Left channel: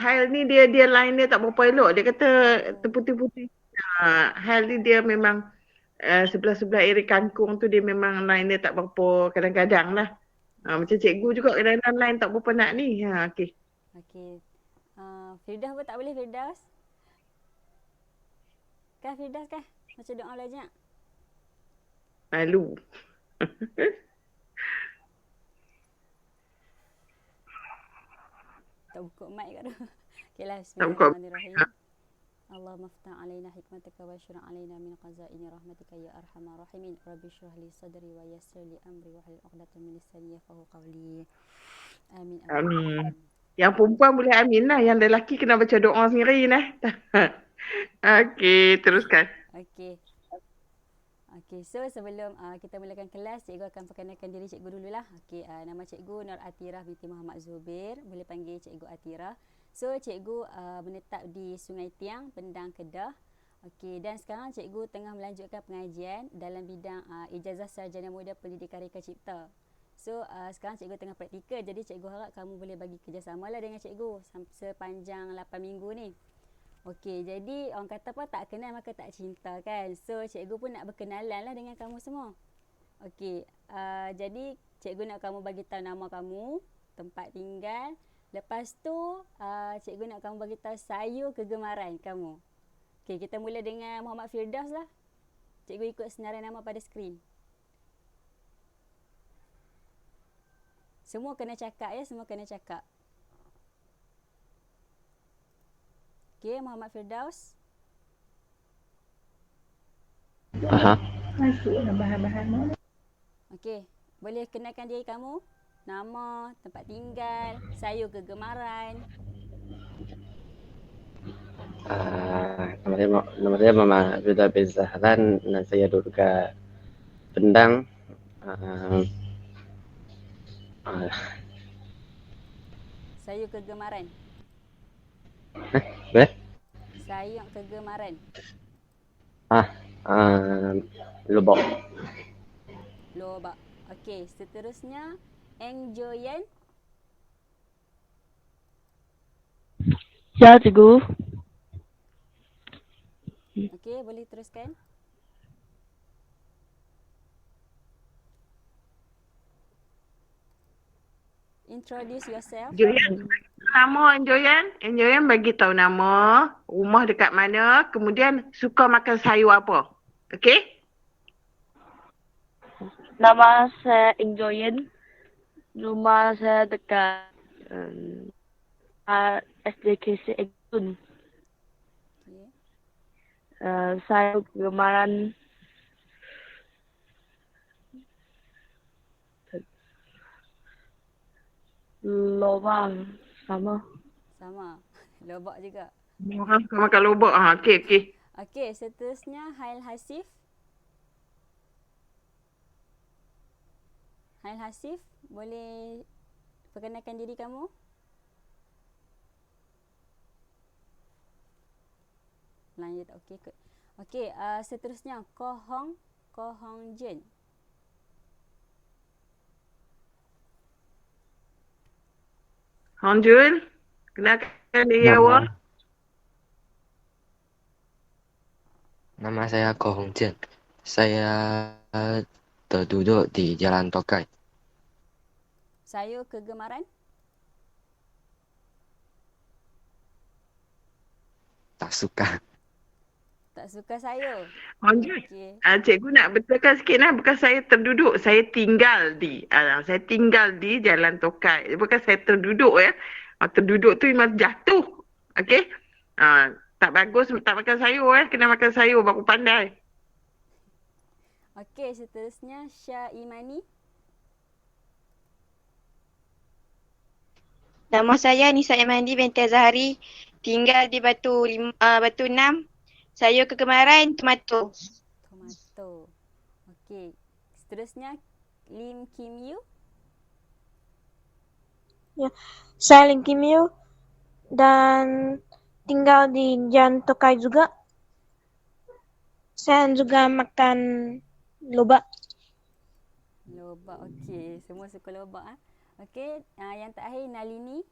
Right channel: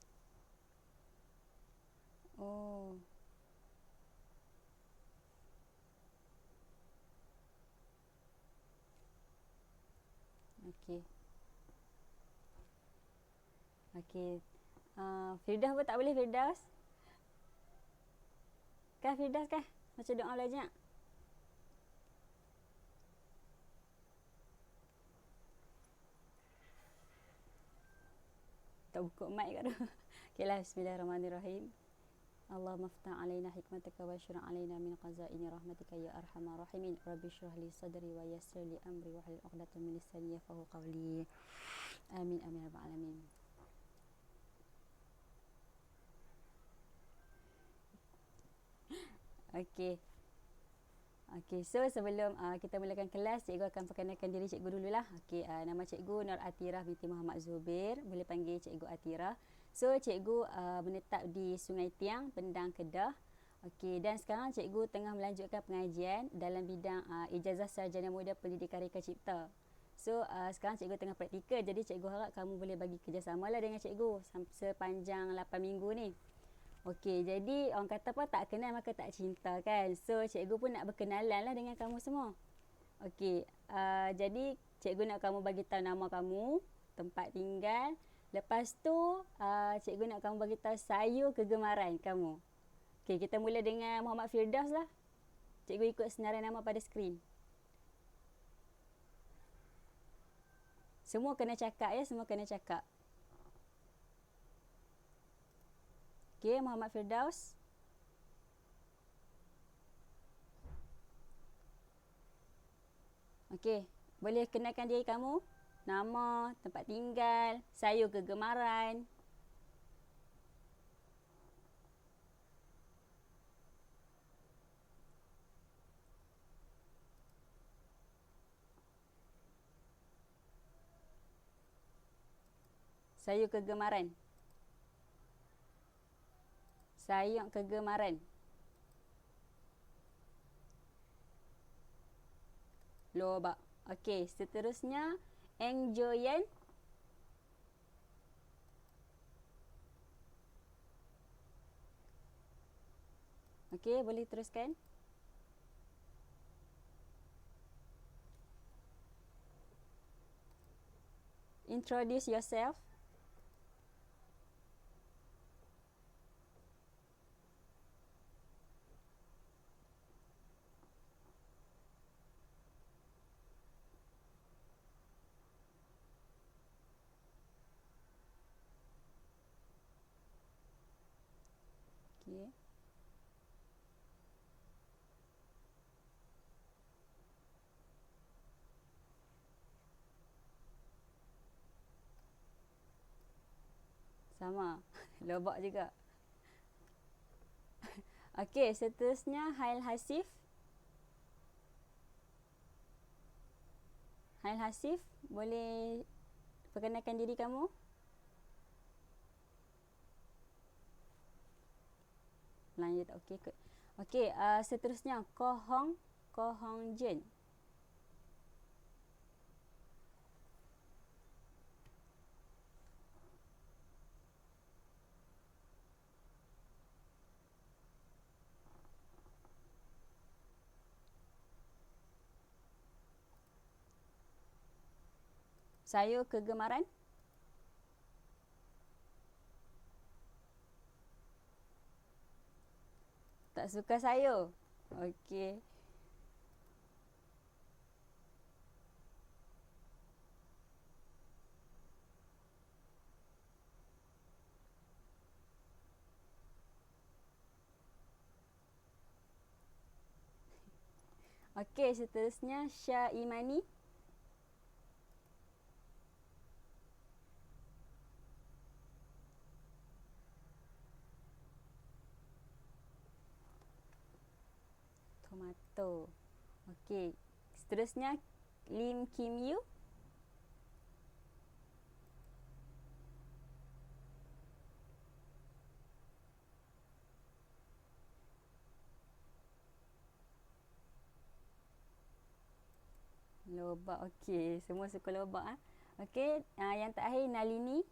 Hail ni dia line dia tak berapa elok. Dia kata Oh. terputih-putih. Hail ni dia memang sebelah-sebelah area kangkung tu dia memang line dia tak berapa kadang-kadang lah. Macam Okey. cikgu juga kadang-kadang line tak berapa nak ni. Okey. Okey. Firdaus pun tak boleh Firdaus? Kah Firdaus kah? Macam doa belajar. Malu. Tak buka mic kat tu. Okeylah, Tak buka. bismillahirrahmanirrahim. Allahumma ftah alaina hikmataka wa syurah alaina min qazaini rahmatika ya arhamar rahimin. Rabbi syrah li sadri wa yassir li amri wa hlul 'uqdatam min lisani yafqahu qawli. Amin amin Amin. amin. Yang perempuan boleh amin lah. Yang lelaki kena baca doa sendiri lah. Okey, teruskan. Okey. Okey, so sebelum kita mulakan kelas, cikgu akan perkenalkan diri cikgu dululah. Okey, nama cikgu Nur Atirah binti Muhammad Zubir. Boleh panggil cikgu Atirah. So, cikgu menetap di Sungai Tiang, Pendang, Kedah. Okey, dan sekarang cikgu tengah melanjutkan pengajian dalam bidang Ijazah Sarjana Muda Pendidikan Reka Cipta. So, sekarang cikgu tengah praktikal. Jadi, cikgu harap kamu boleh bagi kerjasama lah dengan cikgu sepanjang 8 minggu ni. Okey, jadi orang kata apa, tak kenal maka tak cinta kan. So, cikgu pun nak berkenalan lah dengan kamu semua. Okey, jadi cikgu nak kamu bagi tahu nama kamu, tempat tinggal. Lepas tu, cikgu nak kamu bagi tahu sayur kegemaran kamu. Okey, kita mula dengan Muhammad Firdaus lah. Cikgu ikut senarai nama pada skrin. Semua kena cakap ya, semua kena cakap. Okey, Muhammad Firdaus. Aha. Okey, boleh kenalkan diri kamu? Nama, tempat tinggal, sayur kegemaran. Nama saya Muhammad Abdullah bin Zahran dan saya duduk dekat Pendang. Sayur kegemaran. Boleh? Sayur kegemaran. Lubok. Lobak. Okey, seterusnya Engjoyen. Ya, cikgu. Okey, boleh teruskan. Introduce yourself. Joyan, nama Joyan. Joyan bagi tahu nama, rumah dekat mana, kemudian suka makan sayur apa. Okey? Nama saya Ingjoyen. Rumah saya dekat SDKC Egtun. Okey. Saya kegemaran lobang sama. Sama. Lobak juga. Orang suka makan lobak. Okey, okey. Okey, seterusnya Hail Hasif. Hail Hasif, boleh perkenalkan diri kamu? Melayu tak okey kot. Okey, seterusnya Ko Hong Jin. Hong Jun, kenalkan diri Nama awak. Nama saya Ko Hong Jian. Saya terduduk di Jalan Tokai. Sayur kegemaran? Tak suka. Tak suka sayur. Hong Jun, Okey. cikgu nak betulkan sikit lah. Bukan saya terduduk, saya tinggal di. Saya tinggal di Jalan Tokai. Bukan saya terduduk ya. Terduduk tu memang jatuh. Okey? Tak bagus tak makan sayur Kena makan sayur baru pandai. Okey, seterusnya Syah Imani. Nama saya Nisa Imandi binti Azhari. Tinggal di Batu 6. Sayur kegemaran tomato. Tomato. Okey. Seterusnya Lim Kim Yu. Ya, saya Lim Kim Yu dan tinggal di Jalan Tokai juga. Saya juga makan lobak. Lobak, okey. Semua suka lobak. Okey, yang terakhir Nalini.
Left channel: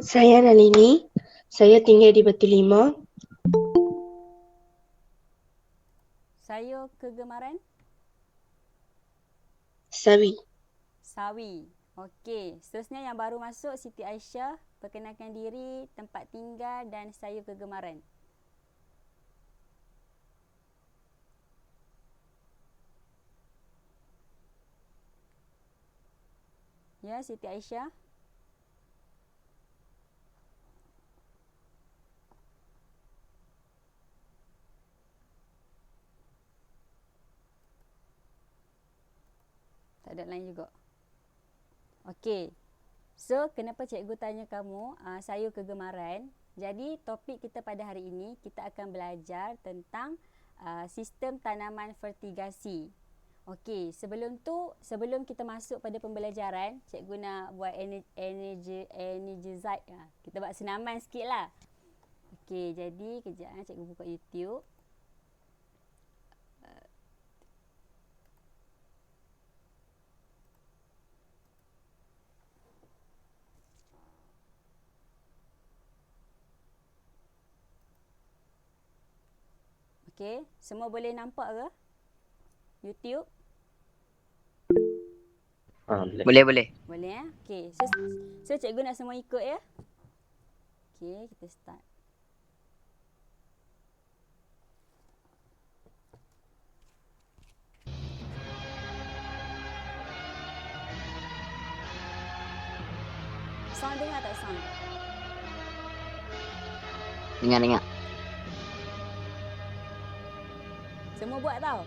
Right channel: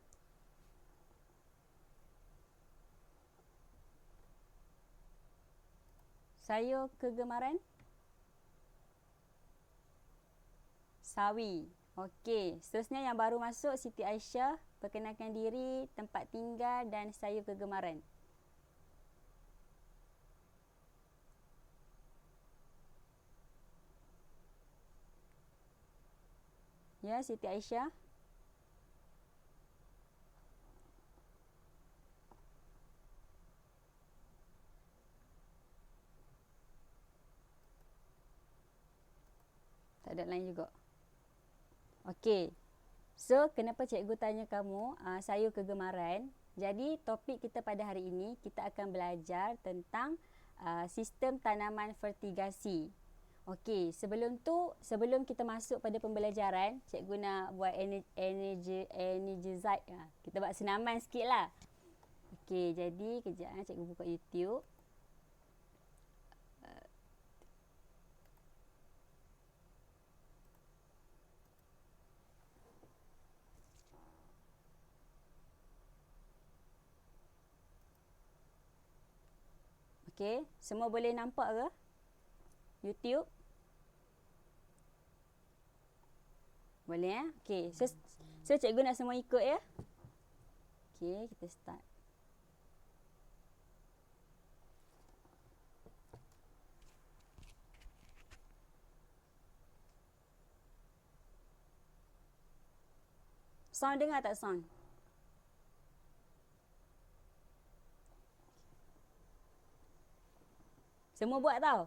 Saya Nalini. Saya tinggal di Batu Lima. Saya kegemaran Sawi. sawi. Okey, seterusnya yang baru masuk Siti Aisyah, perkenalkan diri, tempat tinggal dan saya kegemaran. Ya, Siti Aisyah. Tak ada lain juga. Okey. So, kenapa cikgu tanya kamu sayur kegemaran? Jadi, topik kita pada hari ini, kita akan belajar tentang sistem tanaman fertigasi. Okey, sebelum kita masuk pada pembelajaran, cikgu nak buat energized. Kita buat senaman sikit lah. Okey, jadi kejap cikgu buka YouTube. Okey, semua boleh nampak ke? YouTube? Boleh. Boleh. Boleh ya? Okey, so cikgu nak semua ikut ya. Okey, kita start. Sound dengar tak sound? Dengar. Semua buat tau.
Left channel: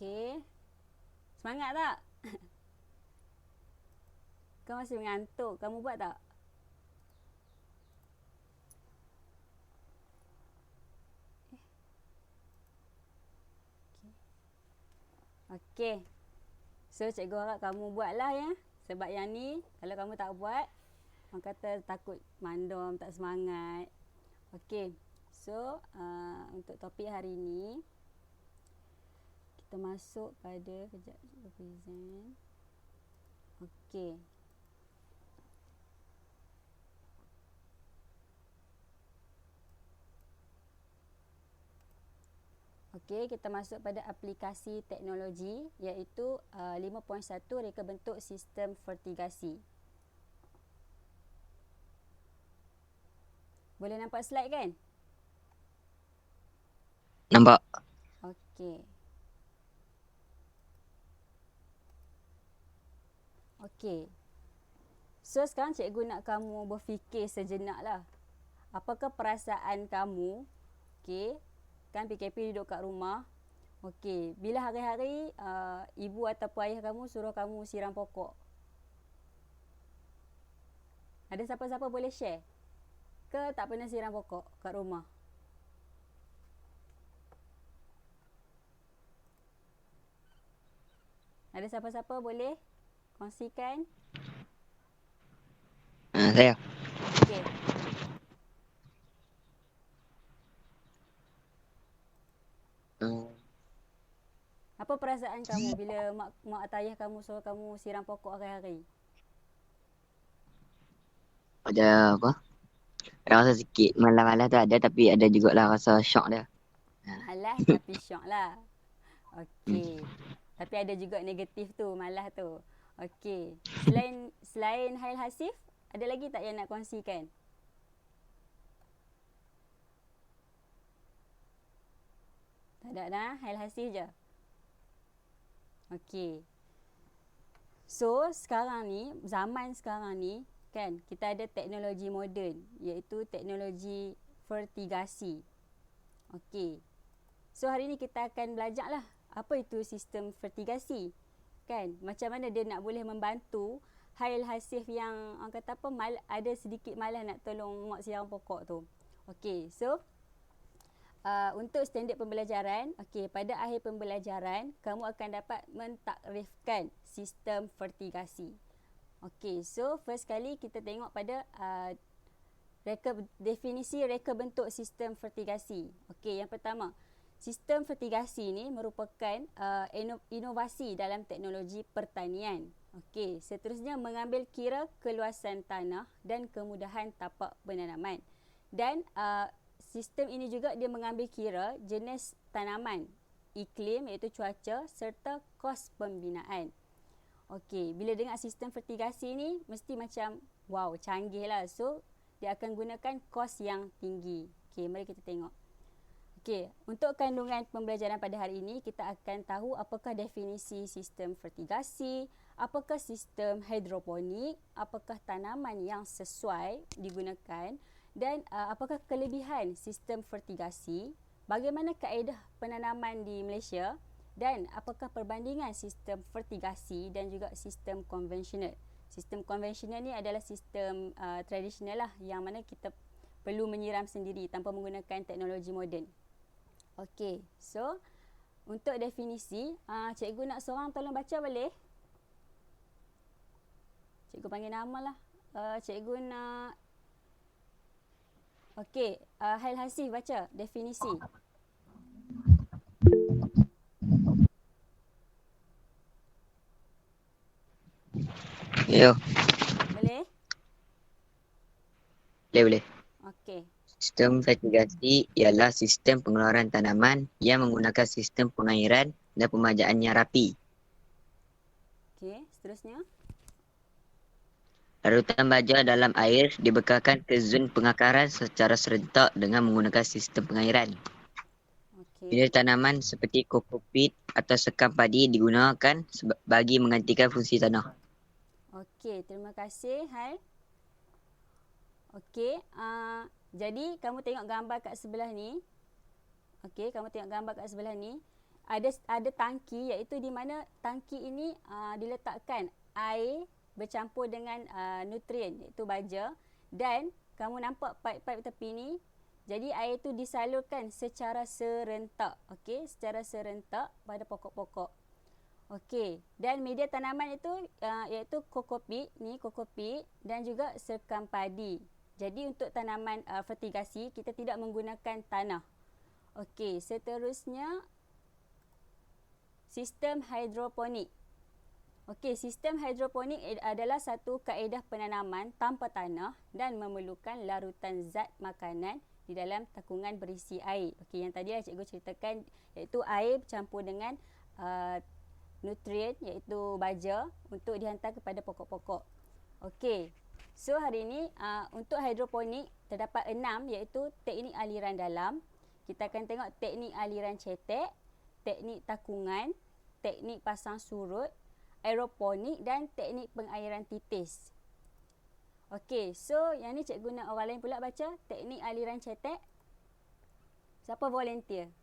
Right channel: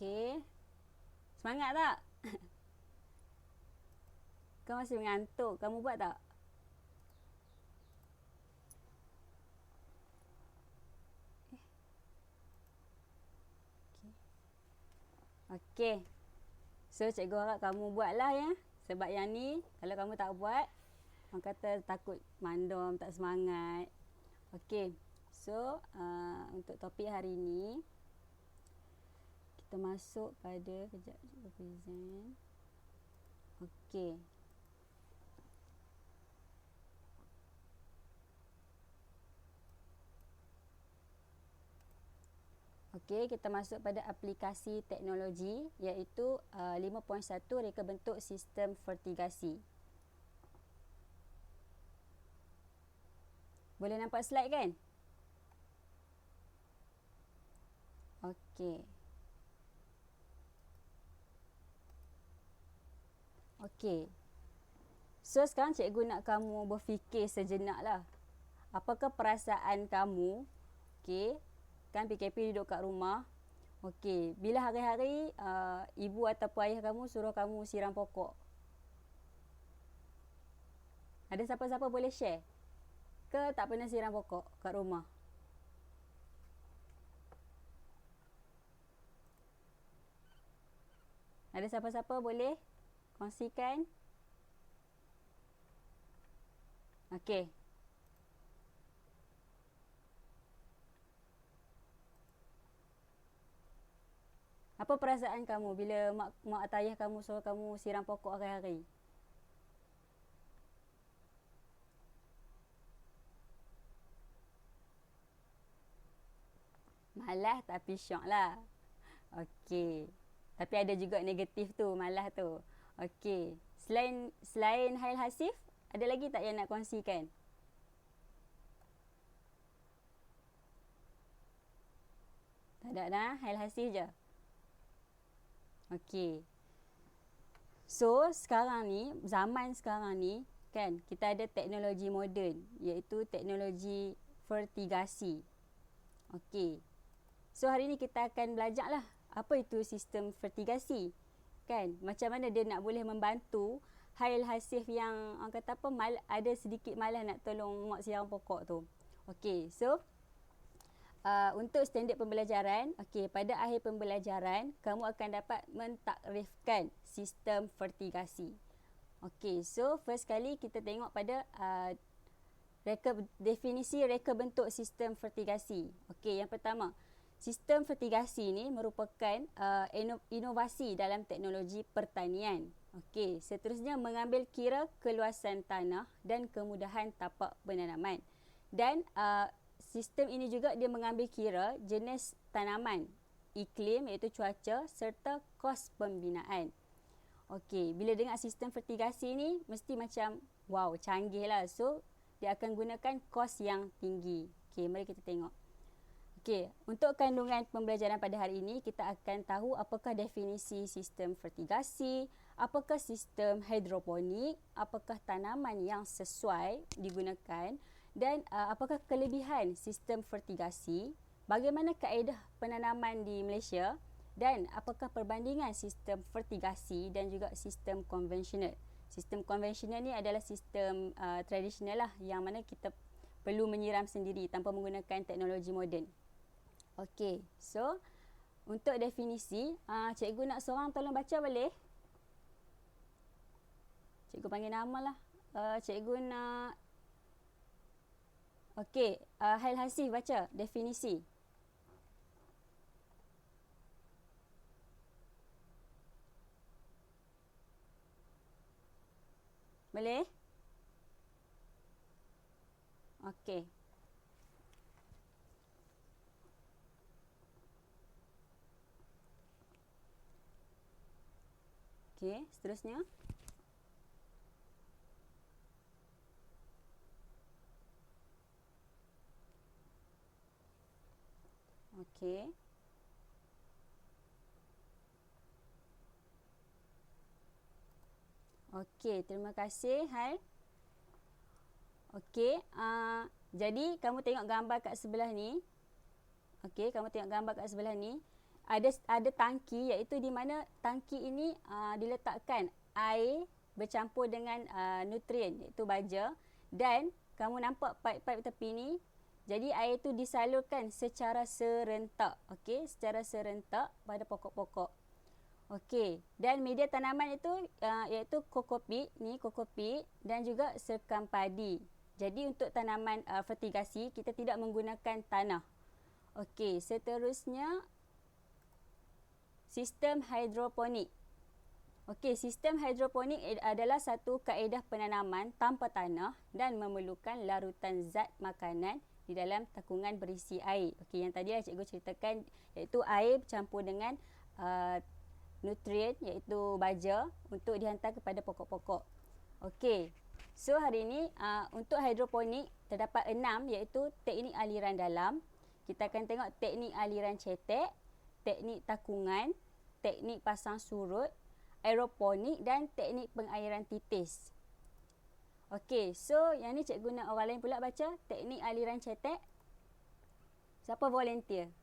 Okey. Semangat tak? Kau masih mengantuk. Kamu buat tak? Okey. So, cikgu harap kamu buatlah ya. Sebab yang ni, kalau kamu tak buat, orang kata takut mandom, tak semangat. Okey. So, untuk topik hari ni, kita masuk pada, kejap, cikgu present. Okey. Okey, kita masuk pada aplikasi teknologi iaitu 5.1 reka bentuk sistem fertigasi. Boleh nampak slide kan? Nampak. Okey. Okey. So sekarang cikgu nak kamu berfikir sejenak lah. Apakah perasaan kamu, okey, kan PKP duduk kat rumah. Okey, bila hari-hari ibu ataupun ayah kamu suruh kamu siram pokok. Ada siapa-siapa boleh share? Ke tak pernah siram pokok kat rumah? Ada siapa-siapa boleh kongsikan? Saya. Okey. Apa perasaan kamu bila mak atau ayah kamu suruh kamu siram pokok hari-hari? Ada apa? Rasa sikit malas-malas tu ada, tapi ada jugalah rasa syok dia. Malas tapi syok lah. Okey. Tapi ada juga negatif tu, malas tu. Okey. Selain Hail Hasif, ada lagi tak yang nak kongsikan? Tak ada dah, Hail Hasif je. Okey. So, sekarang ni, zaman sekarang ni, kan, kita ada teknologi moden, iaitu teknologi fertigasi. Okey. So, hari ni kita akan belajar lah apa itu sistem fertigasi. Kan, macam mana dia nak boleh membantu Hail Hasif yang orang kata apa, ada sedikit malas nak tolong mak siram pokok tu. Okey, so untuk standard pembelajaran, okey, pada akhir pembelajaran kamu akan dapat mentakrifkan sistem fertigasi. Okey, so first kali kita tengok pada definisi reka bentuk sistem fertigasi. Okey, yang pertama, sistem fertigasi ni merupakan inovasi dalam teknologi pertanian. Okey, seterusnya mengambil kira keluasan tanah dan kemudahan tapak penanaman. Dan sistem ini juga dia mengambil kira jenis tanaman, iklim iaitu cuaca serta kos pembinaan. Okey, bila dengar sistem fertigasi ni mesti macam wow, canggih lah. So, dia akan gunakan kos yang tinggi. Okey, mari kita tengok. Okey, untuk kandungan pembelajaran pada hari ini, kita akan tahu apakah definisi sistem fertigasi, apakah sistem hidroponik, apakah tanaman yang sesuai digunakan, dan apakah kelebihan sistem fertigasi, bagaimana kaedah penanaman di Malaysia, dan apakah perbandingan sistem fertigasi dan juga sistem konvensional. Sistem konvensional ni adalah sistem tradisional lah, yang mana kita perlu menyiram sendiri tanpa menggunakan teknologi moden. Okey, so untuk definisi, cikgu nak seorang tolong baca boleh? Cikgu panggil nama lah. Cikgu nak... Okey, Hail Hasif baca definisi. Yo. Boleh? Boleh. Okey. Sistem fertigasi ialah sistem pengeluaran tanaman yang menggunakan sistem pengairan dan pemajaan yang rapi. Okey, seterusnya. Larutan baja dalam air dibekalkan ke zon pengakaran secara serentak dengan menggunakan sistem pengairan. Bila tanaman seperti kokopit atau sekam padi digunakan bagi menggantikan fungsi tanah. Okey, terima kasih Hal. Okey, jadi kamu tengok gambar kat sebelah ni. Okey, kamu tengok gambar kat sebelah ni. Ada tangki, iaitu di mana tangki ini diletakkan air bercampur dengan nutrien, iaitu baja, dan kamu nampak paip-paip tepi ni. Jadi air tu disalurkan secara serentak, okey, secara serentak pada pokok-pokok. Okey, dan media tanaman itu iaitu kokopit dan juga sekam padi. Jadi untuk tanaman fertigasi kita tidak menggunakan tanah. Okey, seterusnya sistem hidroponik. Okey, sistem hidroponik adalah satu kaedah penanaman tanpa tanah dan memerlukan larutan zat makanan di dalam takungan berisi air. Okey, yang tadi cikgu ceritakan iaitu air bercampur dengan nutrien iaitu baja untuk dihantar kepada pokok-pokok. Okey, so hari ini untuk hidroponik terdapat 6 iaitu teknik aliran dalam. kita akan tengok teknik aliran cetek, teknik takungan, teknik pasang surut, aeroponik dan teknik pengairan titis. Okey, so yang ni cikgu nak orang lain pula baca teknik aliran cetek. Siapa volunteer?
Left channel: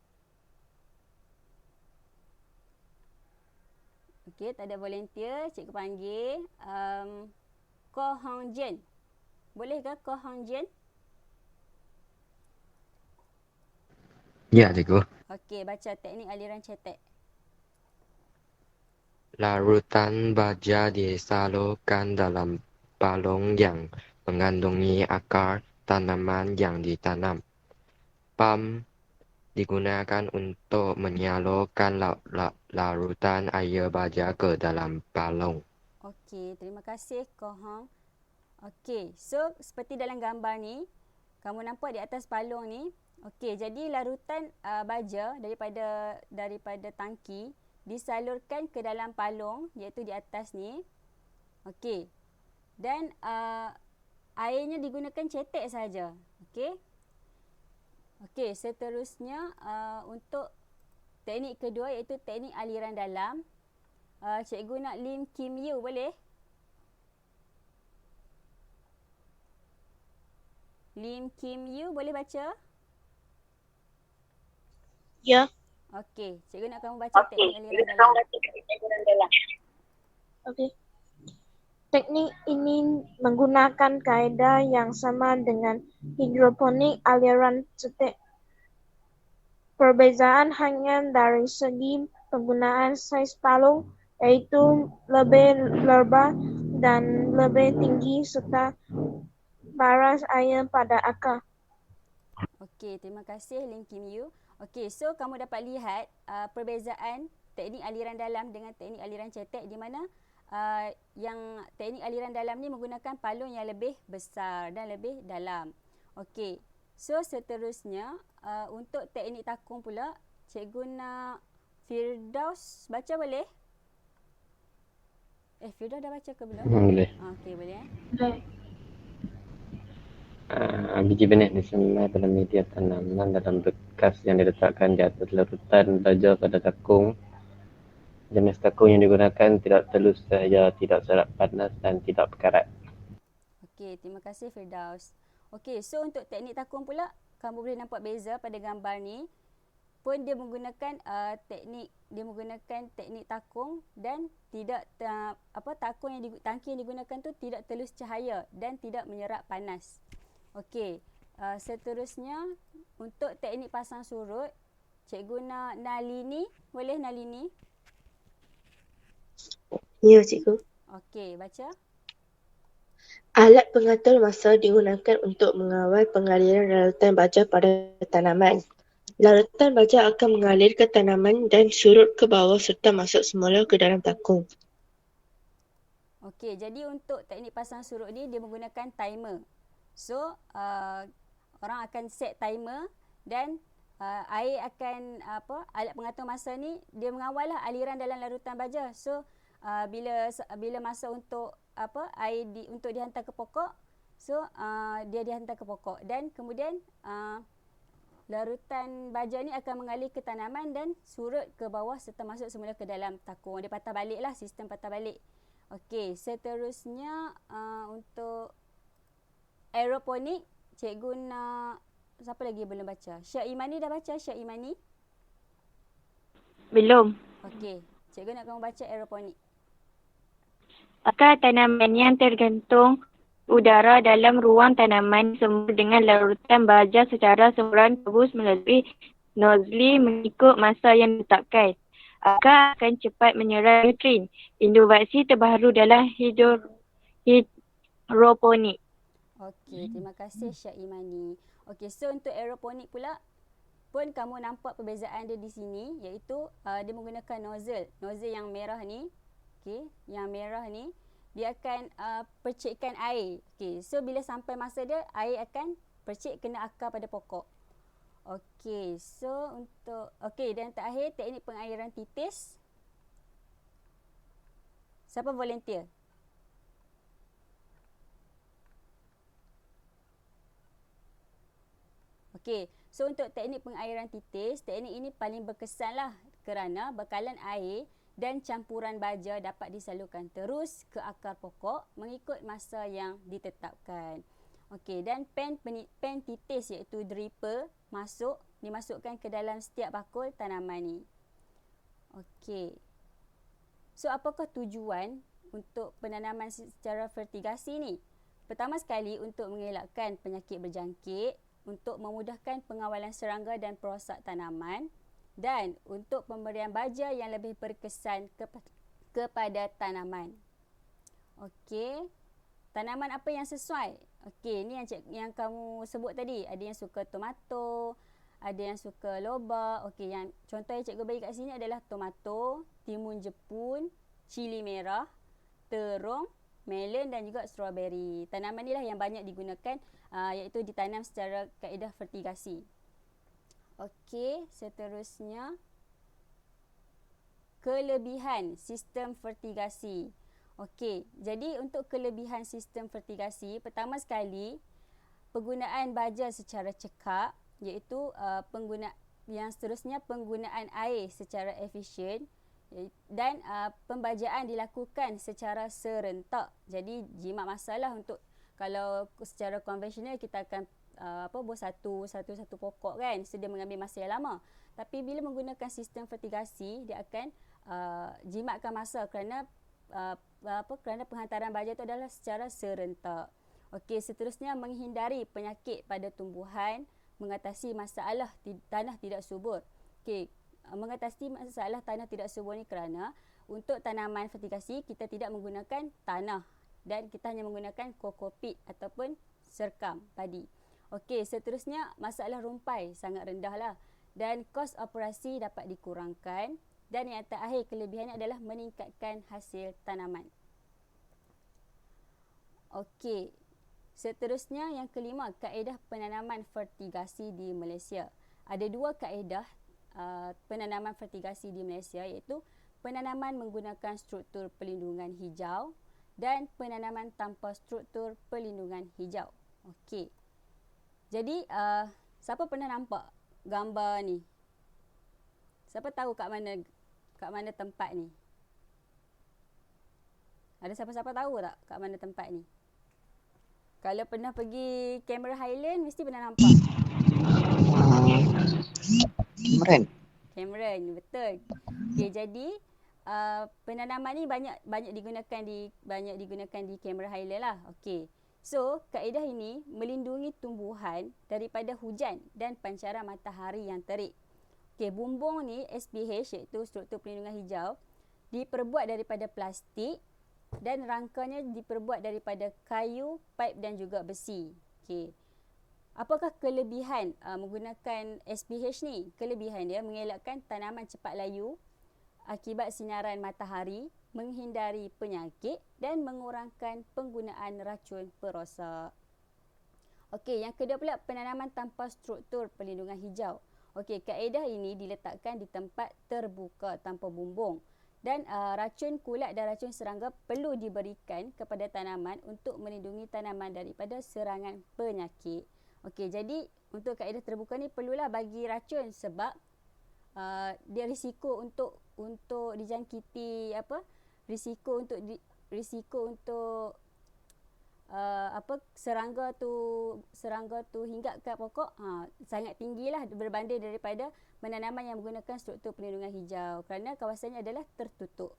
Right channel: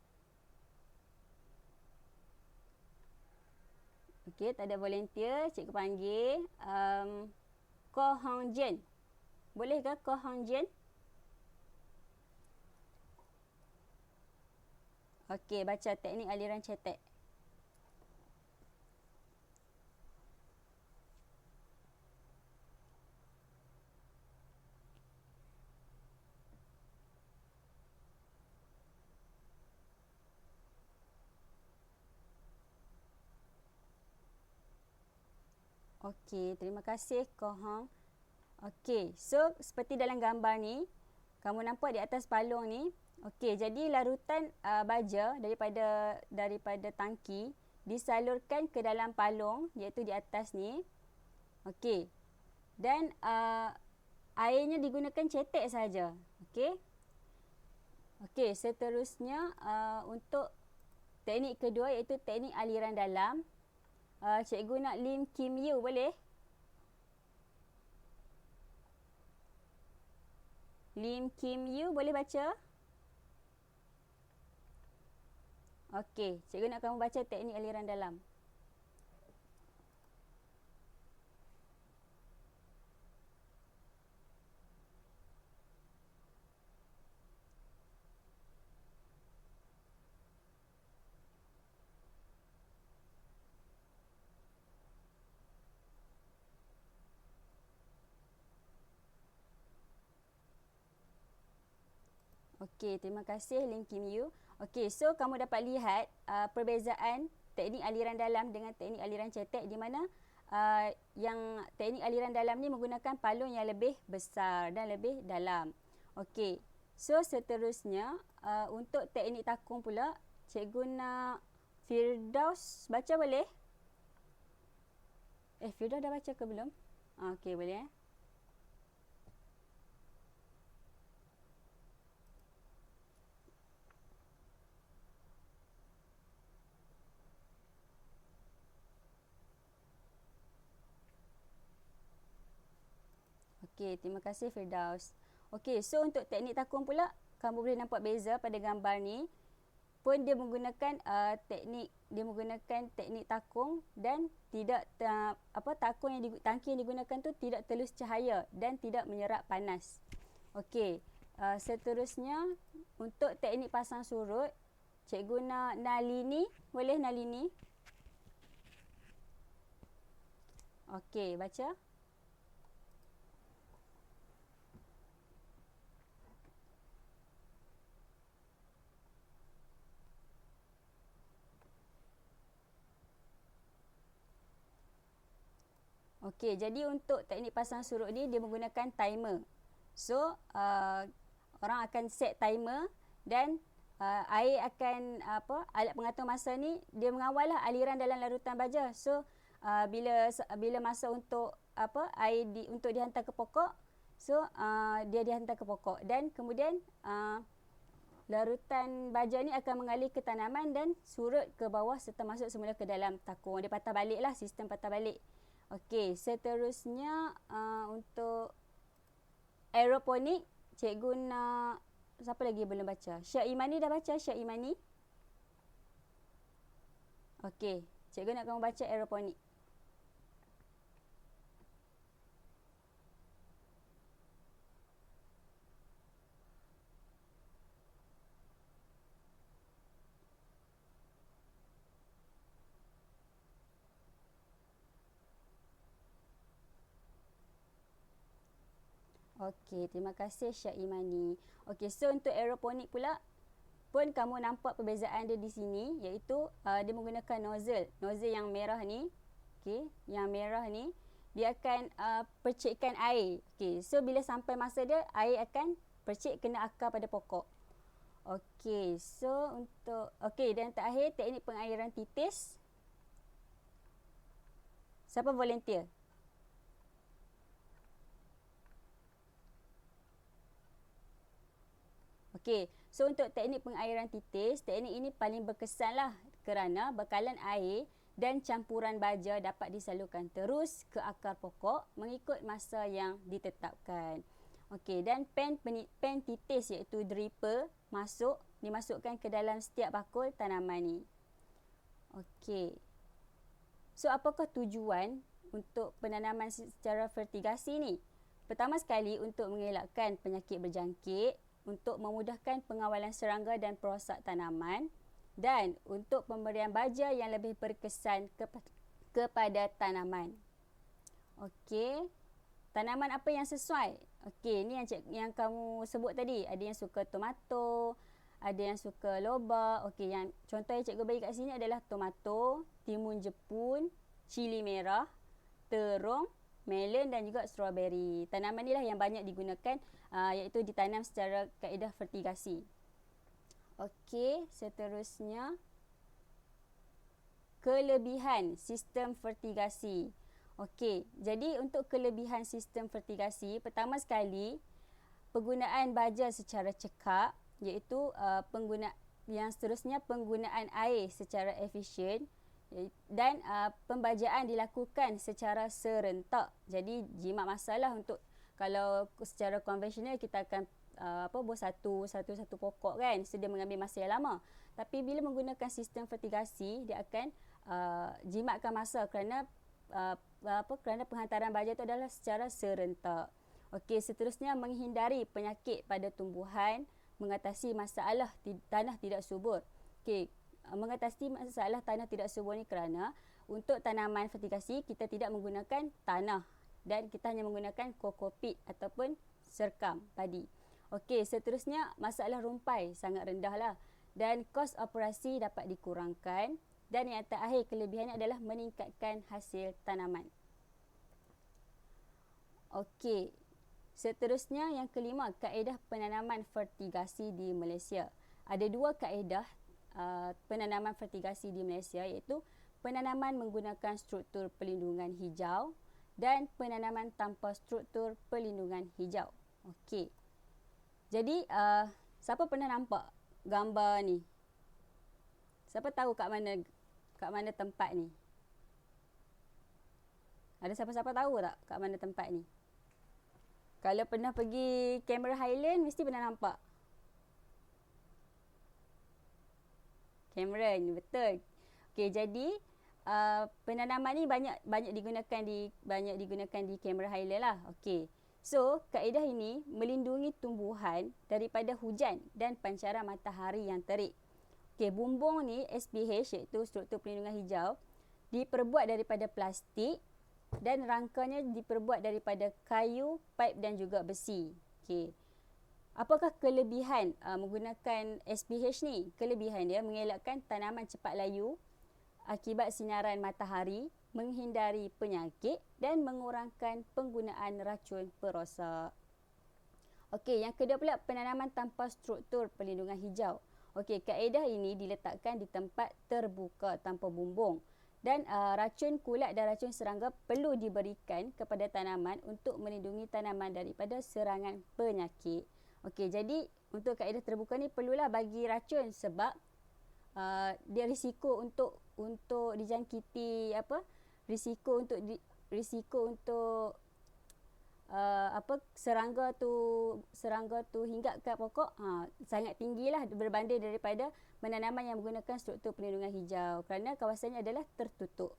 Okey, tak ada volunteer, cikgu panggil Ko Hong Jen. Boleh ke Ko Hong Jen? Ya, cikgu. Okey, baca teknik aliran cetek. Larutan baja disalurkan dalam balong yang mengandungi akar tanaman yang ditanam. Pam digunakan untuk menyalurkan larutan air baja ke dalam balong. Okey, terima kasih Ko Hong. Okey, so seperti dalam gambar ni, kamu nampak di atas balong ni. Okey, jadi larutan baja daripada tangki disalurkan ke dalam palung iaitu di atas ni. Okey. Dan airnya digunakan cetek saja. Okey. Okey, seterusnya untuk teknik kedua iaitu teknik aliran dalam. Cikgu nak Lim Kim Yu, boleh? Lim Kim Yu boleh baca? Ya. Okey, cikgu nak kamu baca teknik aliran dalam. Okey. Teknik ini menggunakan kaedah yang sama dengan hidroponik aliran cetek. Perbezaan hanya dari segi penggunaan saiz palung, yaitu lebih lebar dan lebih tinggi serta baras air pada akar. Okey, terima kasih Lim Kim Yu. Okey, so kamu dapat lihat perbezaan teknik aliran dalam dengan teknik aliran cetek di mana yang teknik aliran dalam ni menggunakan palung yang lebih besar dan lebih dalam. Okey, so seterusnya untuk teknik takung pula, cikgu nak Firdaus baca boleh? Firdaus dah baca ke belum? Boleh. Okey, boleh. Biji benih disebar dalam media tanaman dalam bekas yang diletakkan di atas larutan baja pada takung. Jenis takung yang digunakan tidak telus sahaja, tidak serap panas dan tidak berkarat. Okey, terima kasih Firdaus. Okey, so untuk teknik takung pula, kamu boleh nampak beza pada gambar ni. Pun dia menggunakan teknik takung dan tidak tangki yang digunakan tu tidak telus cahaya dan tidak menyerap panas. Okey, seterusnya untuk teknik pasang surut, cikgu nak Nalini. Boleh Nalini? Ya, cikgu. Okey, baca. Alat pengatur masa digunakan untuk mengawal pengaliran larutan baja pada tanaman. Larutan baja akan mengalir ke tanaman dan surut ke bawah serta masuk semula ke dalam takung. Okey, jadi untuk teknik pasang surut ni dia menggunakan timer. So, orang akan set timer dan air akan alat pengatur masa ni dia mengawal lah aliran dalam larutan baja. So, bila masa untuk air untuk dihantar ke pokok, so dia dihantar ke pokok dan kemudian larutan baja ni akan mengalir ke tanaman dan surut ke bawah serta masuk semula ke dalam takung. Dia patah balik lah, sistem patah balik. Okey, seterusnya untuk aeroponik, cikgu nak siapa lagi belum baca? Syah Imani dah baca? Syah Imani? Belum. Okey, cikgu nak kamu baca aeroponik. Akar tanaman yang tergantung udara dalam ruang tanaman semula dengan larutan baja secara semburan tebus melalui nozli mengikut masa yang ditetapkan. Akar akan cepat menyerap nutrien. Inovasi terbaru dalam hidroponik. Okey, terima kasih Syah Imani. Okey, so untuk aeroponik pula pun kamu nampak perbezaan dia di sini iaitu dia menggunakan nozzle. Nozzle yang merah ni, okey, yang merah ni dia akan percikkan air. Okey, so bila sampai masa dia, air akan percik kena akar pada pokok. Okey, so untuk dan terakhir teknik pengairan titis. Siapa volunteer? Okey, so untuk teknik pengairan titis, teknik ini paling berkesan lah kerana bekalan air dan campuran baja dapat disalurkan terus ke akar pokok mengikut masa yang ditetapkan. Okey, dan pen titis iaitu dripper dimasukkan ke dalam setiap bakul tanaman ni. Okey. So apakah tujuan untuk penanaman secara fertigasi ni? Pertama sekali untuk mengelakkan penyakit berjangkit, untuk memudahkan pengawalan serangga dan perosak tanaman dan untuk pemberian baja yang lebih berkesan kepada tanaman. Okey. Tanaman apa yang sesuai? Okey, ni yang kamu sebut tadi. Ada yang suka tomato, ada yang suka lobak. Okey, yang contoh yang cikgu bagi kat sini adalah tomato, timun jepun, cili merah, terung, melon dan juga strawberry. Tanaman inilah yang banyak digunakan iaitu ditanam secara kaedah fertigasi. Okey, seterusnya kelebihan sistem fertigasi. Okey, jadi untuk kelebihan sistem fertigasi, pertama sekali penggunaan baja secara cekap iaitu yang seterusnya penggunaan air secara efisien dan pembajaan dilakukan secara serentak. Jadi jimat masalah untuk kalau secara konvensional kita akan buat satu pokok kan, sedia mengambil masa yang lama. Tapi bila menggunakan sistem fertigasi, dia akan jimatkan masa kerana penghantaran baja itu adalah secara serentak. Okey, seterusnya menghindari penyakit pada tumbuhan, mengatasi masalah tanah tidak subur. Okey, mengatasi masalah tanah tidak subur ni kerana untuk tanaman fertigasi kita tidak menggunakan tanah dan kita hanya menggunakan kokopit ataupun serkam padi. Okey, seterusnya masalah rumpai sangat rendah lah dan kos operasi dapat dikurangkan dan yang terakhir kelebihannya adalah meningkatkan hasil tanaman. Okey, seterusnya yang kelima, kaedah penanaman fertigasi di Malaysia. Ada dua kaedah penanaman fertigasi di Malaysia iaitu penanaman menggunakan struktur pelindungan hijau dan penanaman tanpa struktur pelindungan hijau. Okey. Jadi siapa pernah nampak gambar ni? Siapa tahu kat mana tempat ni? Ada siapa-siapa tahu tak kat mana tempat ni? Kalau pernah pergi Cameron Highland mesti pernah nampak. Cameron, betul. Okey, jadi penanaman ni banyak digunakan di Cameron Highland lah. Okey. So, kaedah ini melindungi tumbuhan daripada hujan dan pancaran matahari yang terik. Okey, bumbung ni SPH iaitu struktur pelindungan hijau diperbuat daripada plastik dan rangkanya diperbuat daripada kayu, paip dan juga besi. Okey. Apakah kelebihan menggunakan SPH ni? Kelebihan dia mengelakkan tanaman cepat layu akibat sinaran matahari, menghindari penyakit dan mengurangkan penggunaan racun perosak. Okey, yang kedua pula penanaman tanpa struktur pelindungan hijau. Okey, kaedah ini diletakkan di tempat terbuka tanpa bumbung dan racun kulat dan racun serangga perlu diberikan kepada tanaman untuk melindungi tanaman daripada serangan penyakit. Okey, jadi untuk kaedah terbuka ni perlulah bagi racun sebab dia risiko untuk dijangkiti risiko untuk serangga tu hinggap ke pokok sangat tinggilah berbanding daripada penanaman yang menggunakan struktur pelindungan hijau kerana kawasannya adalah tertutup.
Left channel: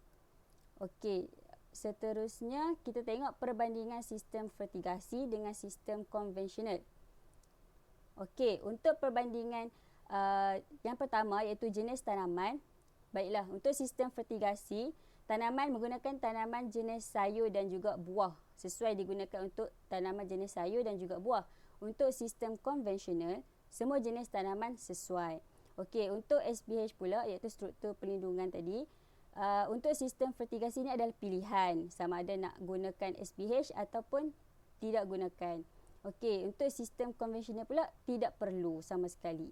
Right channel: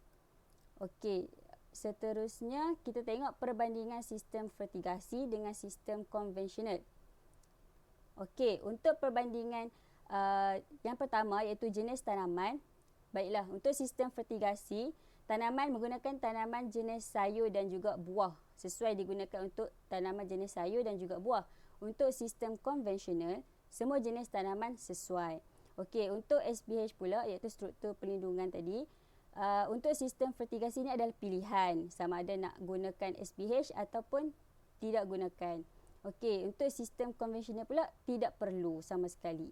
Okey, seterusnya kita tengok perbandingan sistem fertigasi dengan sistem konvensional. Okey, untuk perbandingan yang pertama iaitu jenis tanaman. Baiklah, untuk sistem fertigasi, tanaman menggunakan tanaman jenis sayur dan juga buah. Sesuai digunakan untuk tanaman jenis sayur dan juga buah. Untuk sistem konvensional, semua jenis tanaman sesuai. Okey, untuk SPH pula iaitu struktur pelindungan tadi. Untuk sistem fertigasi ni adalah pilihan. Sama ada nak gunakan SPH ataupun tidak gunakan. Okey, untuk sistem konvensional pula tidak perlu sama sekali.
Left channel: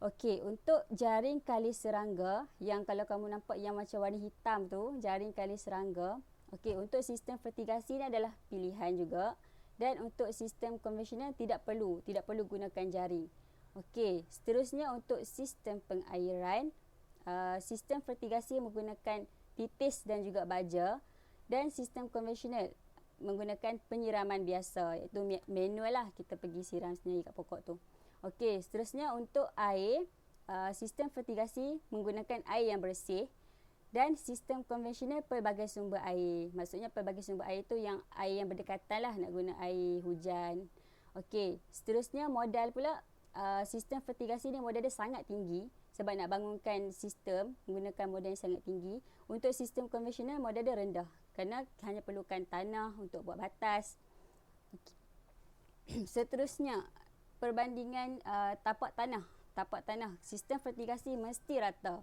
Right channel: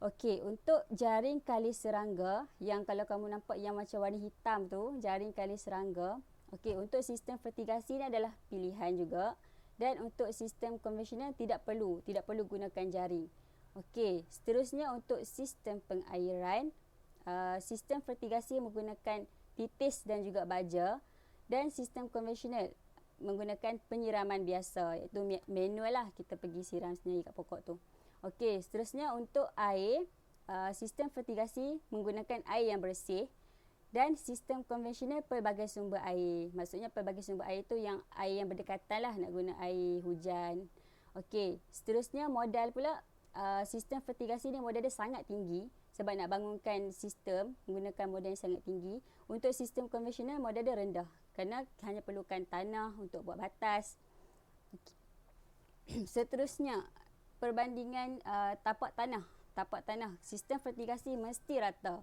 Okey, untuk jaring kali serangga yang kalau kamu nampak yang macam warna hitam tu, jaring kali serangga. Okey, untuk sistem fertigasi ni adalah pilihan juga dan untuk sistem konvensional tidak perlu gunakan jaring. Okey, seterusnya untuk sistem pengairan. Sistem fertigasi menggunakan titis dan juga baja, dan sistem konvensional menggunakan penyiraman biasa, iaitu manual lah, kita pergi siram sendiri kat pokok tu. Okey, seterusnya untuk air, sistem fertigasi menggunakan air yang bersih, dan sistem konvensional pelbagai sumber air. Maksudnya pelbagai sumber air tu yang air yang berdekatan lah, nak guna air hujan. Okey, seterusnya modal pula. Sistem fertigasi ni modal dia sangat tinggi sebab nak bangunkan sistem menggunakan modal yang sangat tinggi. Untuk sistem konvensional modal dia rendah kerana hanya perlukan tanah untuk buat batas. Okay. Seterusnya perbandingan tapak tanah. Tapak tanah, sistem fertigasi mesti rata.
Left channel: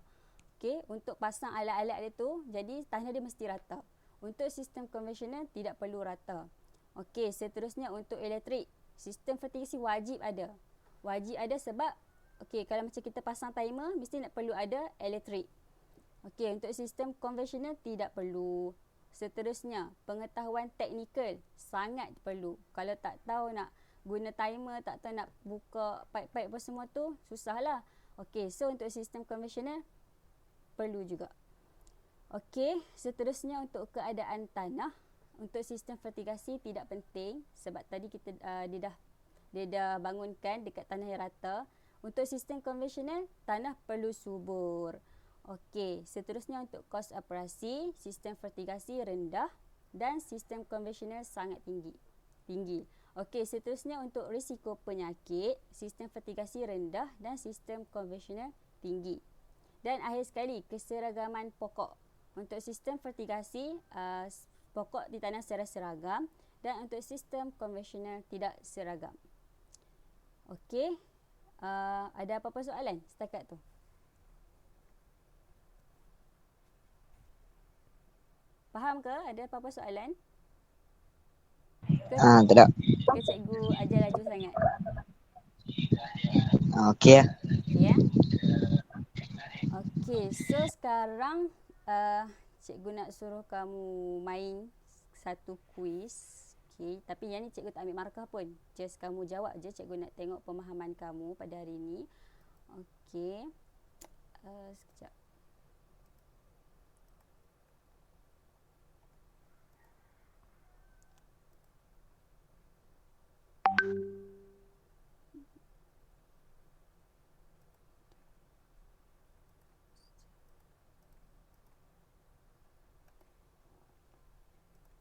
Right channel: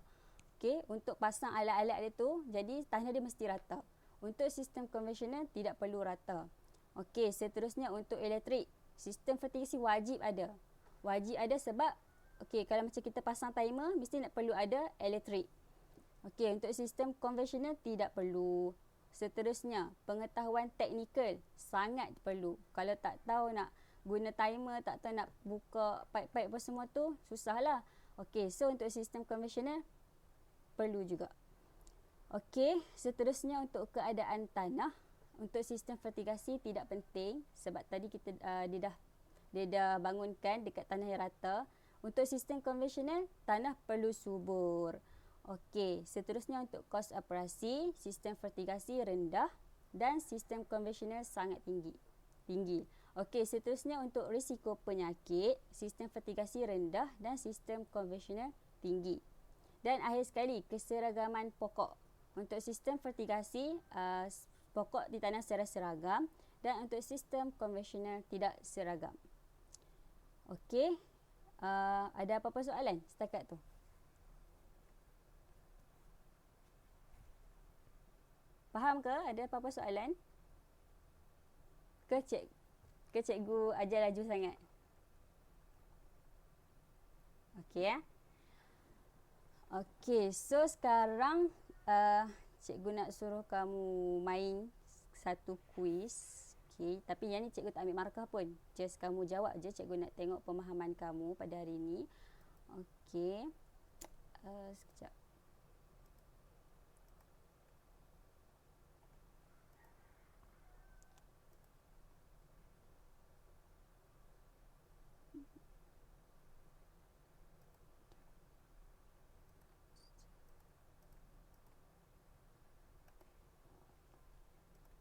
Okey, untuk pasang alat-alat dia tu, jadi tanah dia mesti rata. Untuk sistem konvensional tidak perlu rata. Okey, seterusnya untuk elektrik, sistem fertigasi wajib ada. Wajib ada sebab okey, kalau macam kita pasang timer mesti nak perlu ada elektrik. Okey, untuk sistem konvensional tidak perlu. Seterusnya, pengetahuan teknikal sangat perlu. Kalau tak tahu nak guna timer, tak tahu nak buka pipe-pipe apa semua tu, susahlah. Okey, so untuk sistem konvensional perlu juga. Okey, seterusnya untuk keadaan tanah. Untuk sistem fertigasi tidak penting sebab tadi kita dia dah bangunkan dekat tanah yang rata. Untuk sistem konvensional, tanah perlu subur. Okey, seterusnya untuk kos operasi, sistem fertigasi rendah dan sistem konvensional sangat tinggi. Okey, seterusnya untuk risiko penyakit, sistem fertigasi rendah dan sistem konvensional tinggi. Dan akhir sekali, keseragaman pokok. Untuk sistem fertigasi, pokok ditanam secara seragam, dan untuk sistem konvensional tidak seragam. Okey, ada apa-apa soalan setakat tu? Faham ke? Ada apa-apa soalan? Tak. Ke cikgu ajar laju sangat? Okey lah. Okey ya. Okey, so sekarang cikgu nak suruh kamu main satu kuis. Okey, tapi yang ni cikgu tak ambil markah pun. Just kamu jawab je, cikgu nak tengok pemahaman kamu pada hari ni. Okey. Sekejap.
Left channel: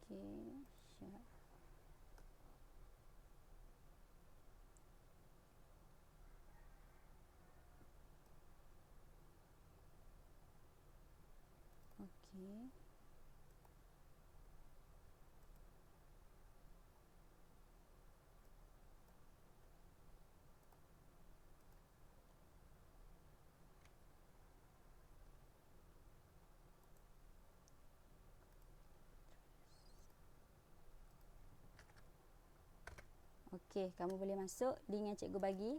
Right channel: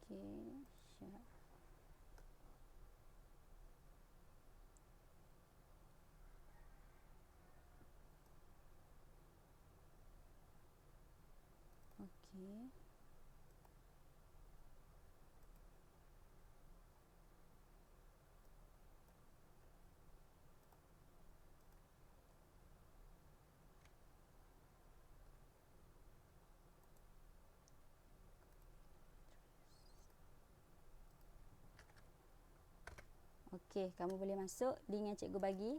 Okey, siap. Okey. Okey, kamu boleh masuk link yang cikgu bagi.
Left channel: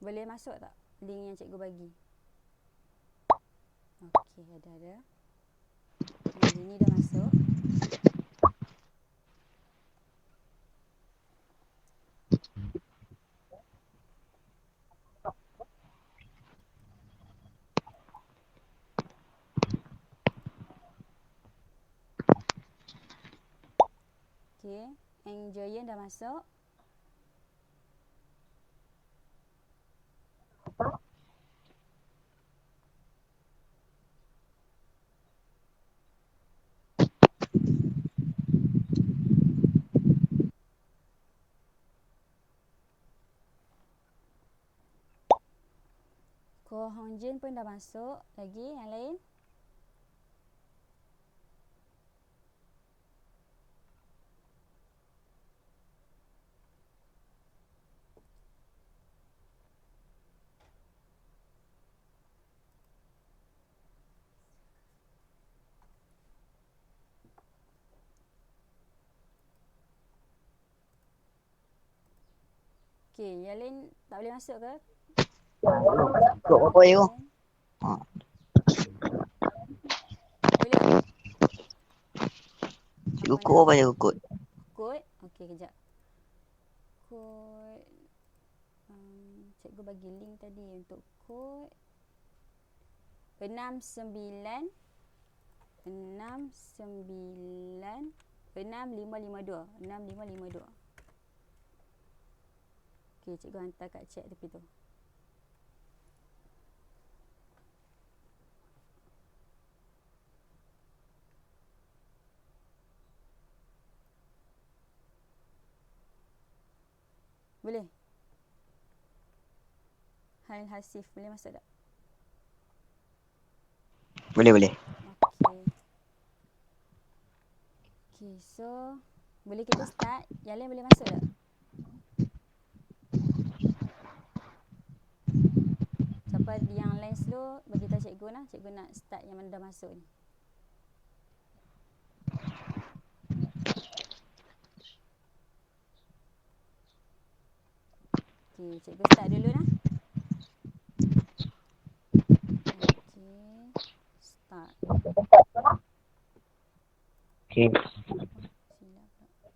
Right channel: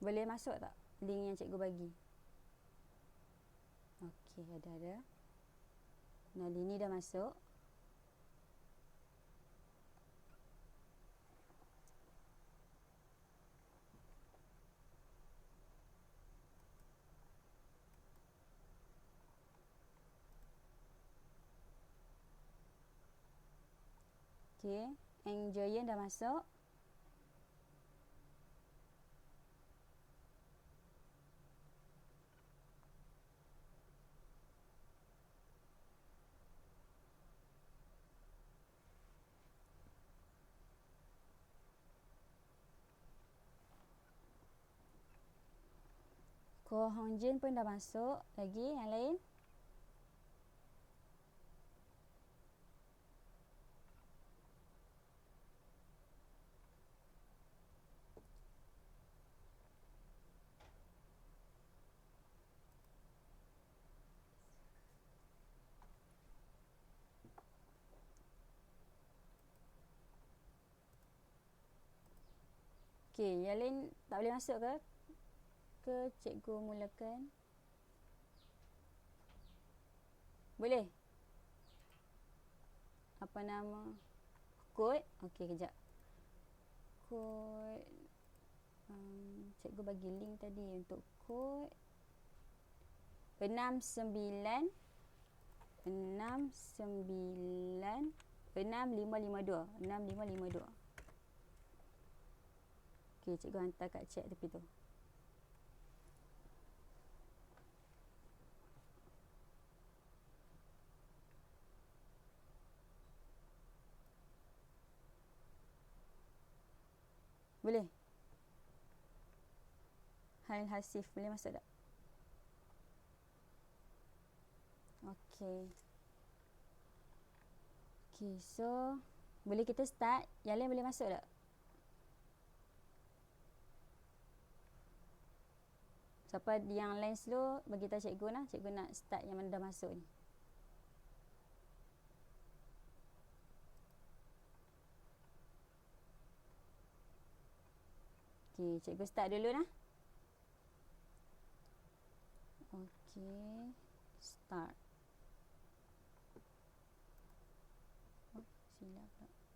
Boleh masuk tak link yang cikgu bagi? Okey, ada. Yang ini dah masuk. Okey, Enjoyen dah masuk. Ko Hongjin pun dah masuk. Lagi yang lain? Okey, yang lain tak boleh masuk ke? Kod apa you? Boleh? Cikgu kod apa you kod? Kod? Okey, kejap. Kod. Cikgu bagi link tadi untuk kod 69 6552. Okey, cikgu hantar kat chat tepi tu. Boleh? Hail Hasif, boleh masuk tak? Boleh. Okey. Okey, so boleh kita start? Yang lain boleh masuk tak? Siapa yang lain slow, bagi tahu cikgu lah. Cikgu nak start yang mana dah masuk ni. Okey, cikgu start dulu lah. Okey, start. Okay. Silap pula.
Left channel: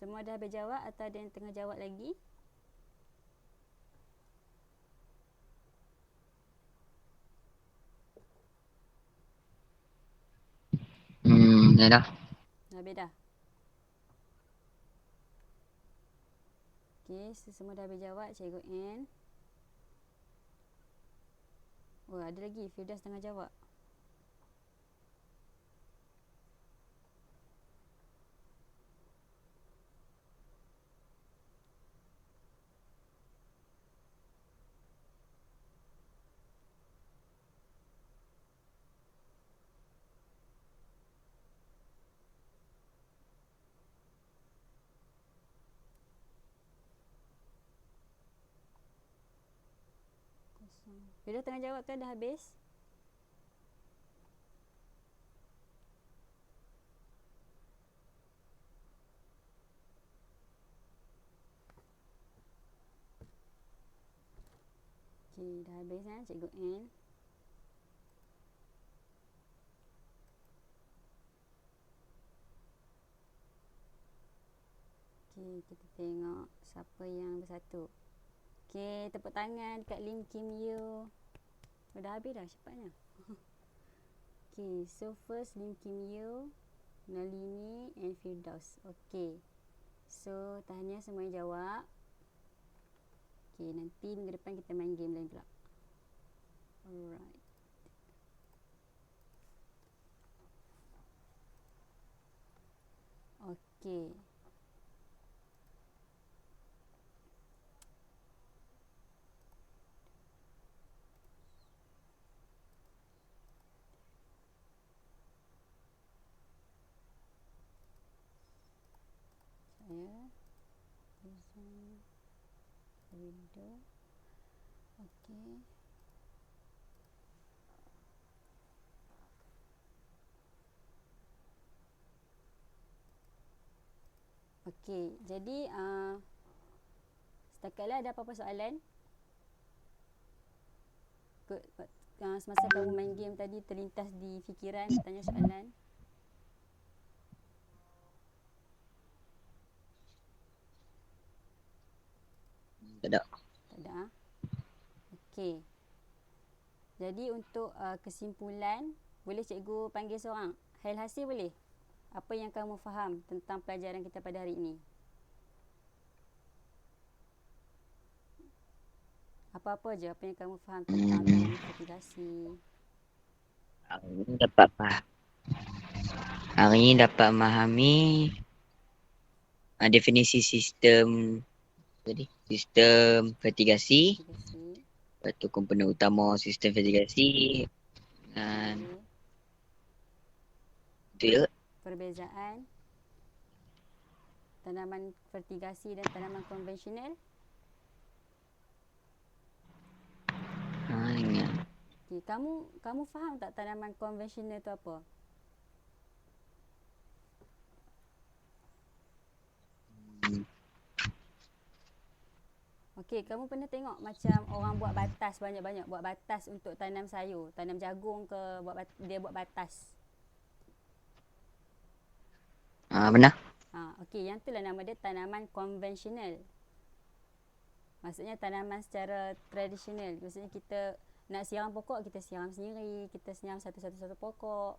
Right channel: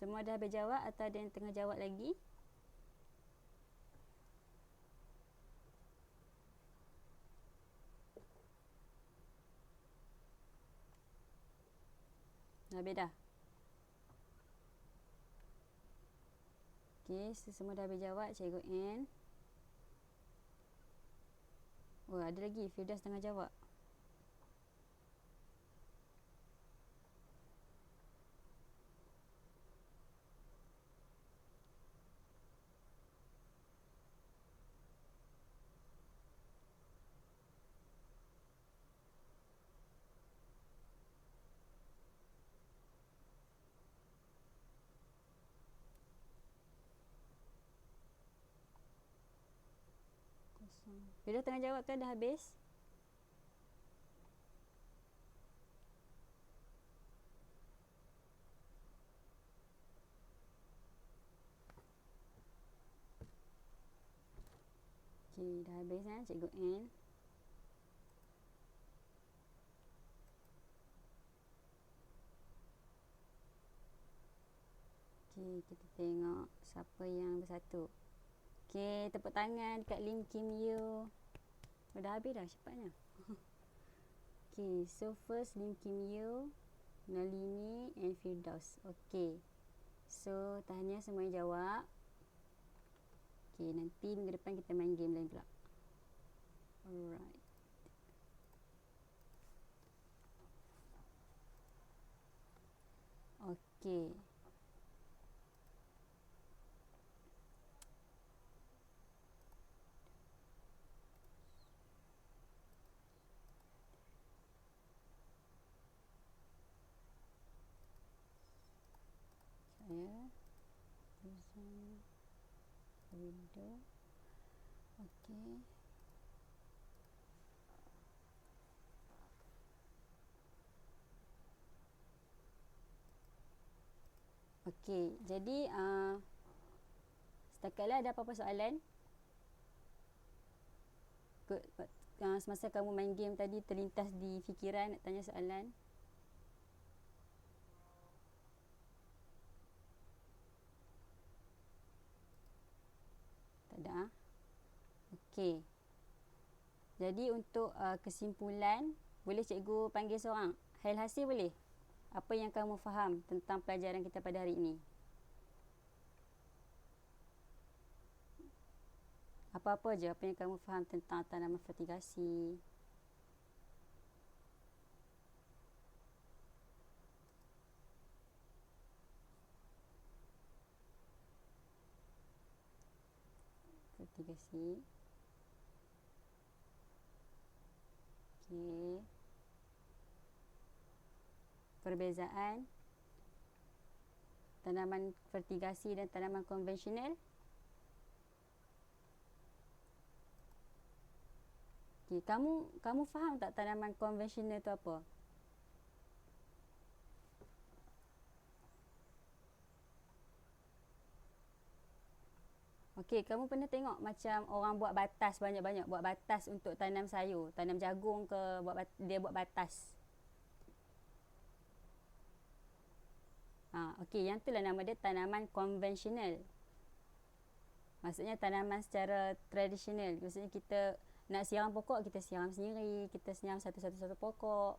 Semua dah habis jawab atau ada yang tengah jawab lagi? Dah. Dah habis dah? Okey, semua dah habis jawab. Cikgu N. Oh, ada lagi. Firdaus tengah jawab. Firdaus tengah jawab ke dah habis? Okey, dah habis Cikgu N. Okey, kita tengok siapa yang bersatu. Okey, tepuk tangan dekat Lim Kim Yew. Oh, dah habis dah cepatnya. Okey, so first Lim Kim Yew, Nalini and Firdaus. Okey. So, tahniah semua yang jawab. Okey, nanti minggu depan kita main game lain pula. Alright. Okey. Saya present window. Okey. Okey, jadi setakatlah ada apa-apa soalan? Semasa kamu main game tadi terlintas di fikiran nak tanya soalan? Tak ada. Tak ada. Okey. Jadi untuk kesimpulan, boleh cikgu panggil seorang? Hail hasil boleh? Apa yang kamu faham tentang pelajaran kita pada hari ini? Apa-apa je apa yang kamu faham tentang tanaman fertigasi? Hari ini dapat memahami definisi sistem fertigasi. Lepas tu komponen utama sistem fertigasi dan itu perbezaan tanaman fertigasi dan tanaman konvensional. Okay, kamu faham tak tanaman konvensional tu apa? Okey, kamu pernah tengok macam orang buat batas banyak-banyak, buat batas untuk tanam sayur, tanam jagung ke, dia buat batas. Benar. Okey, yang itulah nama dia tanaman konvensional. Maksudnya tanaman secara tradisional. Maksudnya kita nak siram pokok, kita siram sendiri, kita siram satu-satu pokok.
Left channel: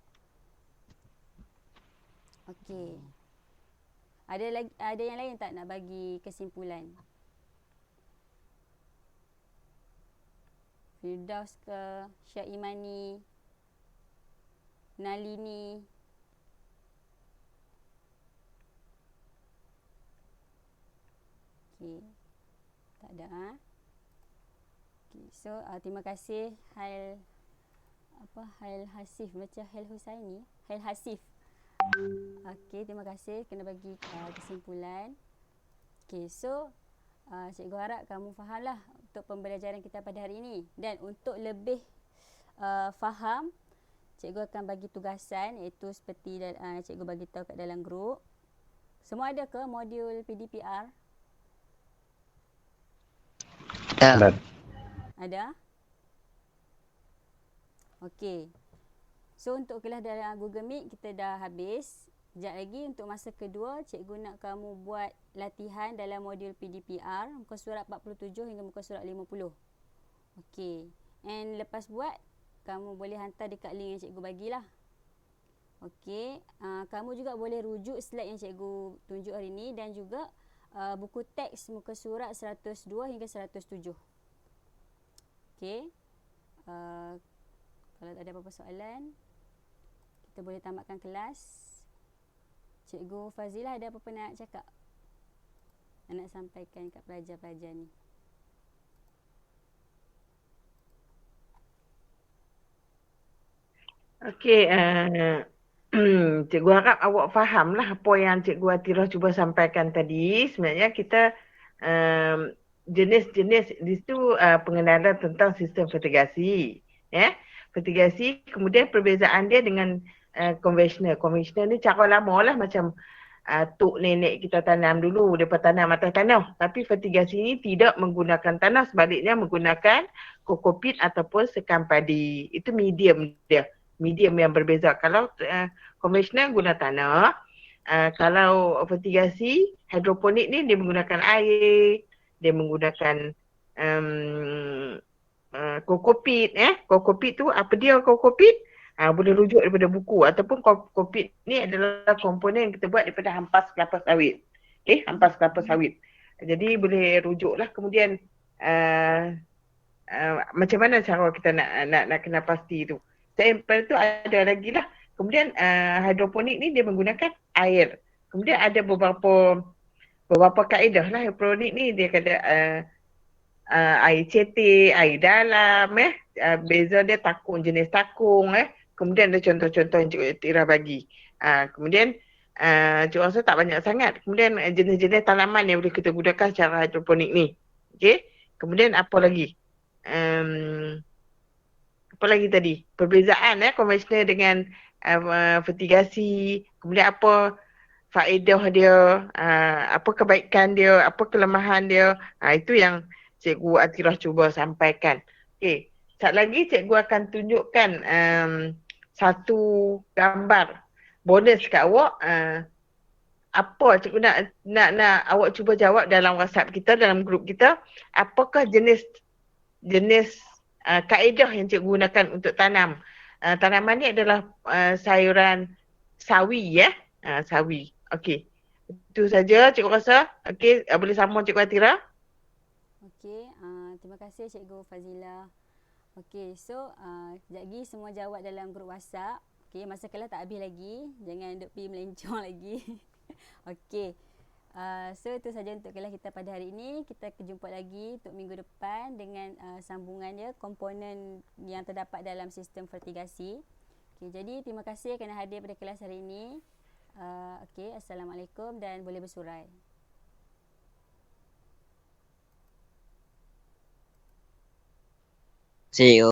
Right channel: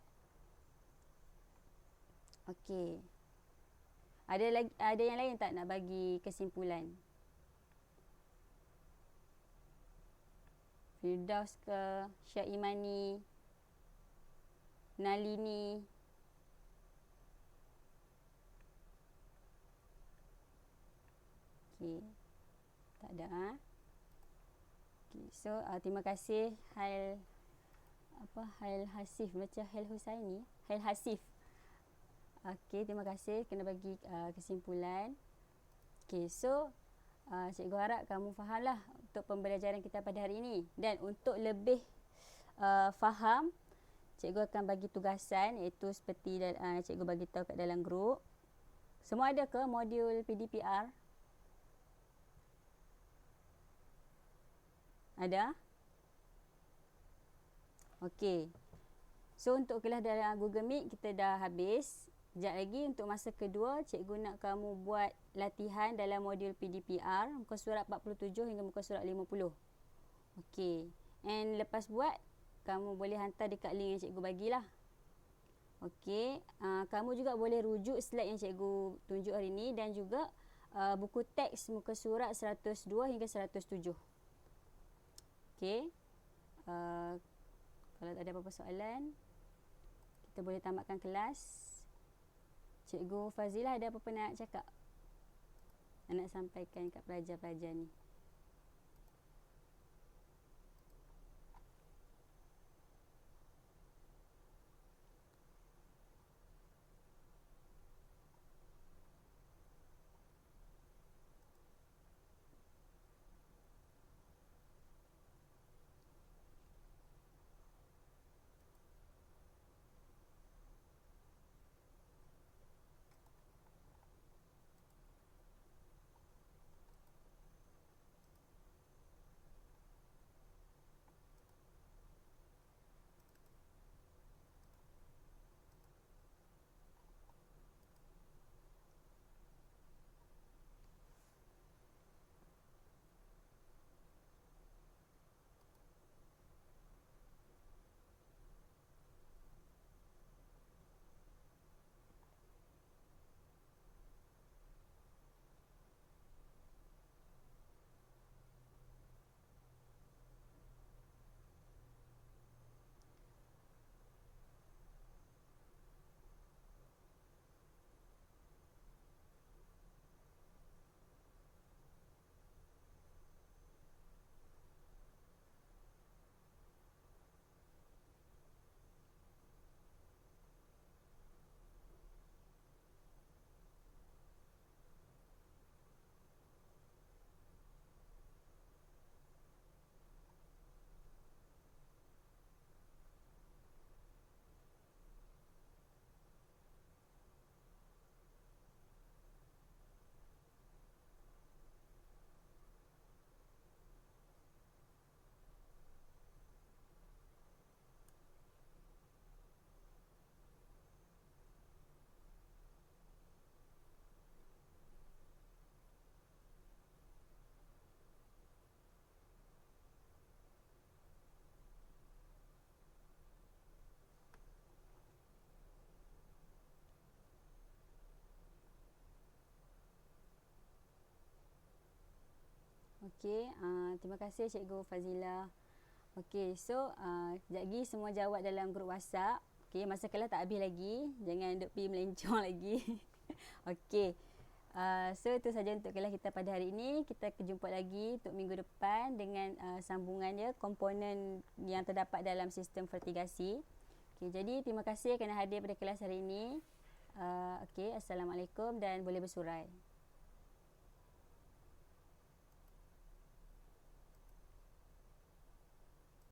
Okey. Ada yang lain tak nak bagi kesimpulan? Firdaus ke, Syaimani, Nalini. Okey. Tak ada Okey. So terima kasih Hail Hasif, macam Hail Husaini, Hail Hasif. Okey, terima kasih kena bagi kesimpulan. Okey, so cikgu harap kamu fahamlah untuk pembelajaran kita pada hari ini. Dan untuk lebih faham, cikgu akan bagi tugasan iaitu seperti cikgu bagi tahu kat dalam grup. Semua ada ke modul PDPR? Tak. Ada? Okey. So untuk kelas dalam Google Meet kita dah habis. Sekejap lagi untuk masa kedua, cikgu nak kamu buat latihan dalam modul PDPR muka surat 47 hingga muka surat 50. Okey. And lepas buat, kamu boleh hantar dekat link yang cikgu bagilah. Okey. Kamu juga boleh rujuk slide yang cikgu tunjuk hari ni dan juga buku teks muka surat 102 hingga 107. Okey. Kalau tak ada apa-apa soalan, kita boleh tamatkan kelas. Cikgu Fazilah ada apa-apa nak cakap? Nak sampaikan kat pelajar-pelajar ni. Okey, cikgu harap awak fahamlah apa yang Cikgu Atira cuba sampaikan tadi. Sebenarnya kita jenis-jenis di situ pengenalan tentang sistem fertigasi. Fertigasi, kemudian perbezaan dia dengan konvensional. Konvensional ni cara lama lah, macam tok nenek kita tanam dulu, mereka tanam atas tanah. Tapi fertigasi ni tidak menggunakan tanah, sebaliknya menggunakan kokopit ataupun sekam padi. Itu medium dia. Medium yang berbeza. Kalau konvensional guna tanah, kalau fertigasi, hidroponik ni dia menggunakan air, dia menggunakan kokopit. Kokopit tu, apa dia kokopit? Boleh rujuk daripada buku, ataupun kokopit ni adalah komponen yang kita buat daripada hampas kelapa sawit. Hampas kelapa sawit. Jadi boleh rujuk lah. Kemudian macam mana cara kita nak kena pasti tu. Sampel tu ada lagi lah. Kemudian hidroponik ni dia menggunakan air. Kemudian ada beberapa kaedah lah hidroponik ni. Dia kata air cetek, air dalam, beza dia takung, jenis takung, kemudian ada contoh-contoh yang Cikgu Atira bagi. Kemudian Cikgu rasa tak banyak sangat. Kemudian jenis-jenis tanaman yang boleh kita gunakan secara hidroponik ni. Okey. Kemudian apa lagi? Apa lagi tadi? Perbezaan konvensional dengan fertigasi. Kemudian apa faedah dia, apa kebaikan dia, apa kelemahan dia. Itu yang Cikgu Atira cuba sampaikan. Okey. Sekejap lagi cikgu akan tunjukkan satu gambar bonus kat awak. Apa cikgu nak awak cuba jawab dalam WhatsApp kita, dalam grup kita. Apakah jenis kaedah yang cikgu gunakan untuk tanam. Tanaman ni adalah sayuran sawi, sawi. Okey. Itu saja cikgu rasa. Okey, boleh sambung Cikgu Atira. Okey, terima kasih Cikgu Fazila. Okey, so sekejap lagi semua jawab dalam grup WhatsApp. Okey, masa kelas tak habis lagi. Jangan duk pergi melencong lagi. Okey. So itu saja untuk kelas kita pada hari ini. Kita jumpa lagi untuk minggu depan dengan sambungannya komponen yang terdapat dalam sistem fertigasi. Okey, jadi terima kasih kerana hadir pada kelas hari ini. Okey, Assalamualaikum dan boleh bersurai. See you.